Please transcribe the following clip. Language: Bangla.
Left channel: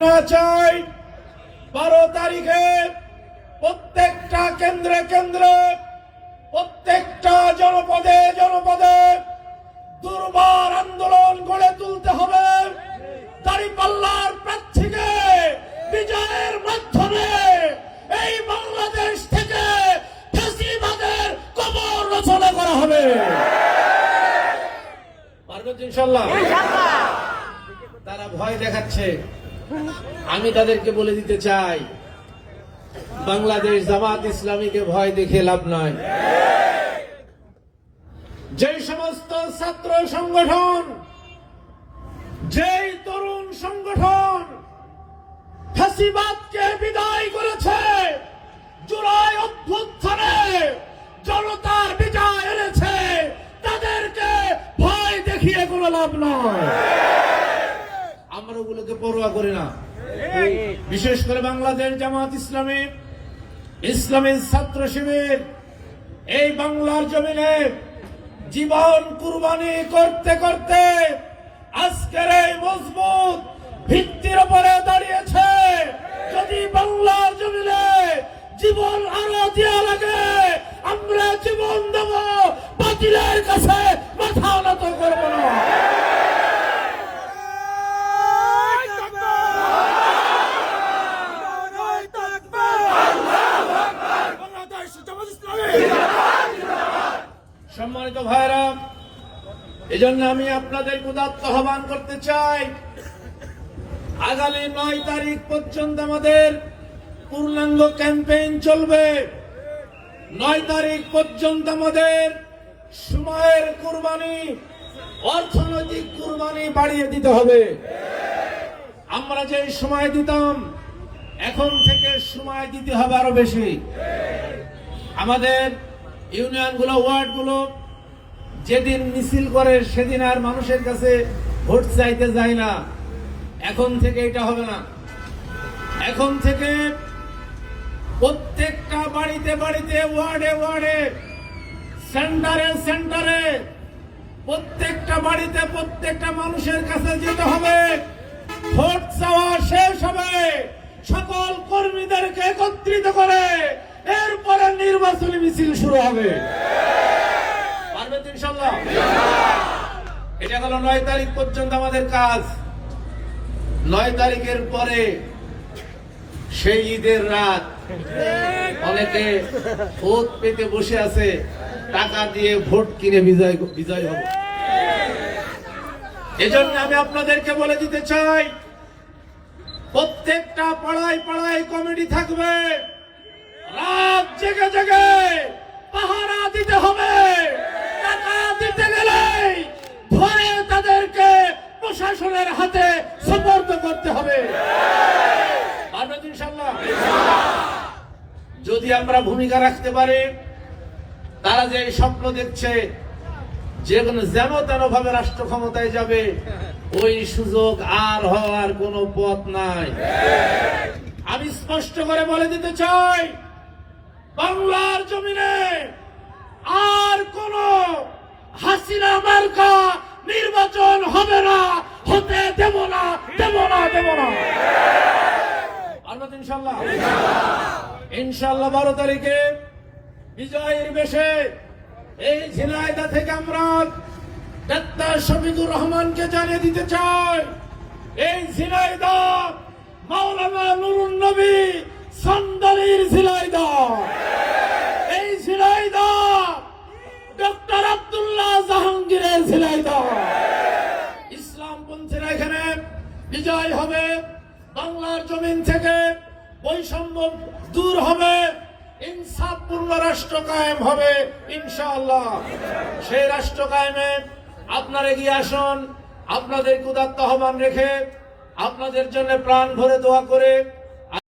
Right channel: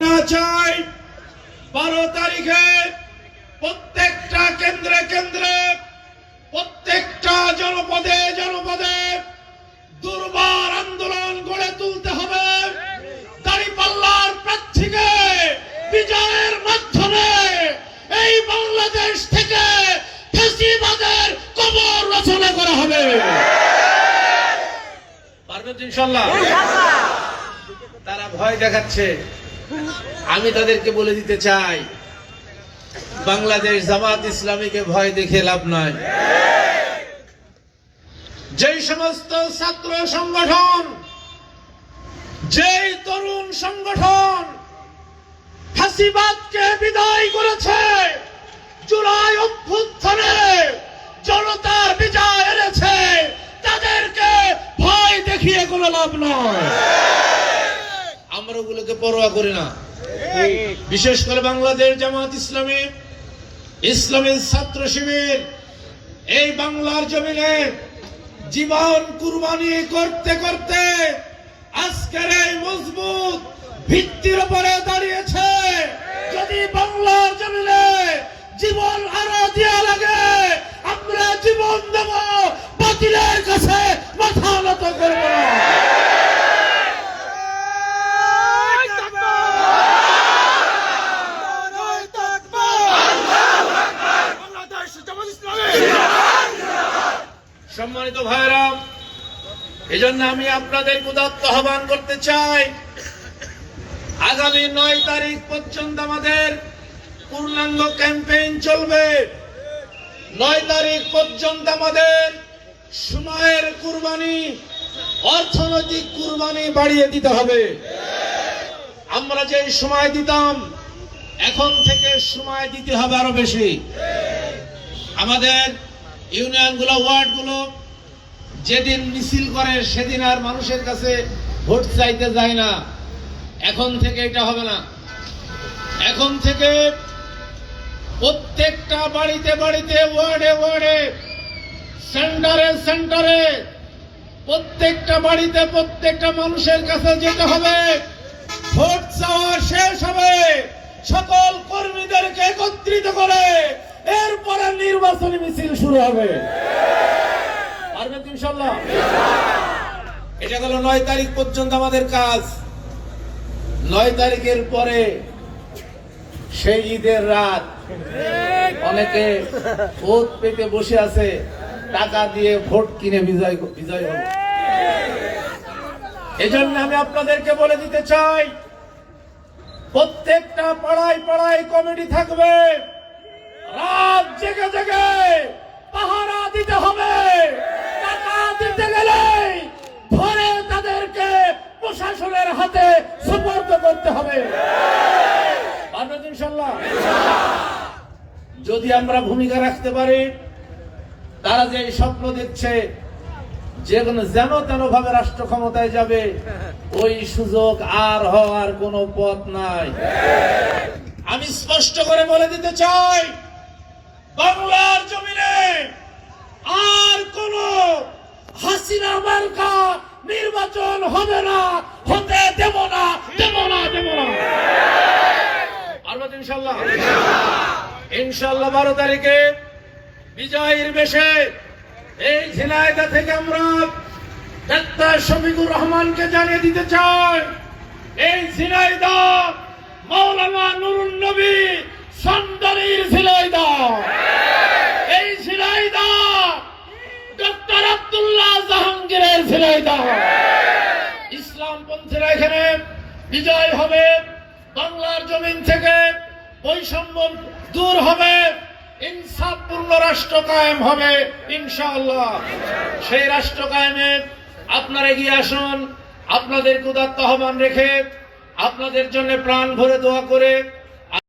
না চাই বারো তারিখে প্রত্যেকটা কেন্দ্রে কেন্দ্রে প্রত্যেকটা জনপদে জনপদে দুর্বার আন্দোলন গড়ে তুলতে হবে। দাঁড়িপাল্লার প্রার্থীকে বিজয়ের মাধ্যমে এই বাংলাদেশ থেকে ফেসিবাদের কবর রচনা করা হবে। পারবেন ইনশাল্লাহ। তারা ভয় দেখাচ্ছে। আমি তাদেরকে বলে দিতে চাই, বাংলাদেশ জামাত ইসলামীকে ভয় দেখে লাভ নয়। যেই সমস্ত ছাত্র সংগঠন, যেই তরুণ সংগঠন ফাঁসিবাদকে বিদায় করেছে, জুলাই অভ্যুত্থানে জনতার বিজয় এনেছে, তাদেরকে ভয় দেখিয়ে কোনো লাভ নয়। আমরা ওগুলোকে পরোয়া করি না। বিশেষ করে বাংলাদেশ জামাত ইসলামী, ইসলামের ছাত্র শিবির, এই বাংলার জমিনে জীবন কুরবানি করতে করতে আজকের এই মজবুত ভিত্তির উপরে দাঁড়িয়েছে যদি বাংলার জমিনে জীবন আরও দেওয়া লাগে আমরা জীবন দেব বাতিলের কাছে মাথা নত করব না সম্মানিত ভাইরা এজন্য আমি আপনাদের উদাত্ত আহ্বান করতে চাই। আগামী নয় তারিখ পর্যন্ত আমাদের পূর্ণাঙ্গ ক্যাম্পেইন চলবে। নয় তারিখ পর্যন্ত আমাদের সময়ের কুরবানি, অর্থনৈতিক কুরবানি বাড়িয়ে দিতে হবে। আমরা যে সময় দিতাম, এখন থেকে সময় দিতে হবে আরও বেশি। আমাদের ইউনিয়নগুলো, ওয়ার্ডগুলো যেদিন মিছিল করে সেদিন আর মানুষের কাছে ভোট চাইতে যায় না। এখন থেকে এটা হবে না। এখন থেকে প্রত্যেকটা বাড়িতে বাড়িতে, ওয়ার্ডে ওয়ার্ডে, সেন্টারে সেন্টারে প্রত্যেকটা বাড়িতে প্রত্যেকটা মানুষের কাছে যেতে হবে। ভোট চাওয়া শেষ হবে। সকল কর্মীদেরকে একত্রিত করে শুরু হবে। পারবেন এটা গেল তারিখ পর্যন্ত আমাদের কাজ। তারিখের পরে সেই ঈদের রাত অনেকে ভোট পেতে বসে আছে, টাকা দিয়ে ভোট কিনে বিজয় বিজয় হবে। এজন্য আমি আপনাদেরকে বলে দিতে চাই, প্রত্যেকটা পাড়ায় পাড়ায় কমিটি থাকবে। রাত জেগে জেগে। পাহারা দিতে হবে। টাকা দিতে গেলে ধরে তাদেরকে প্রশাসনের হাতে সুপর্দ করতে হবে। যদি আমরা ভূমিকা রাখতে পারি, তারা যে স্বপ্ন দেখছে, যে কোনো যেন তেন ভাবে রাষ্ট্র ক্ষমতায় যাবে, ওই সুযোগ আর হওয়ার কোনো পথ নাই। আমি স্পষ্ট করে বলে দিতে চাই বাংলার জমিনে আর কোন হাসিনা মার্কা নির্বাচন হবে না, হতে দেব না দেব না দেব না। পারবেন ইনশাল্লাহ। বারো তারিখে বিজয়ের বেশে এই ঝিনাইদা থেকে আমরা শফিকুর রহমানকে জানিয়ে দিতে চাই। এই ঝিনাইদা মাওলানা নুরুন নবী সন্দারির ঝিনাইদা এই ঝিনাইদা ডক্টর আব্দুল্লাহ জাহাঙ্গীরের ঝিনাইদা ইসলাম পন্থীরা এখানে বিজয় হবে, বাংলার জমিন থেকে বৈষম্য দূর হবে, ইনসাফপূর্ণ রাষ্ট্র কায়েম হবে, ইনশাআল্লাহ। সেই রাষ্ট্র কায়েমে আপনারা এগিয়ে আসুন আপনাদের উদাত্ত আহ্বান রেখে আপনাদের জন্য প্রাণ ভরে দোয়া করে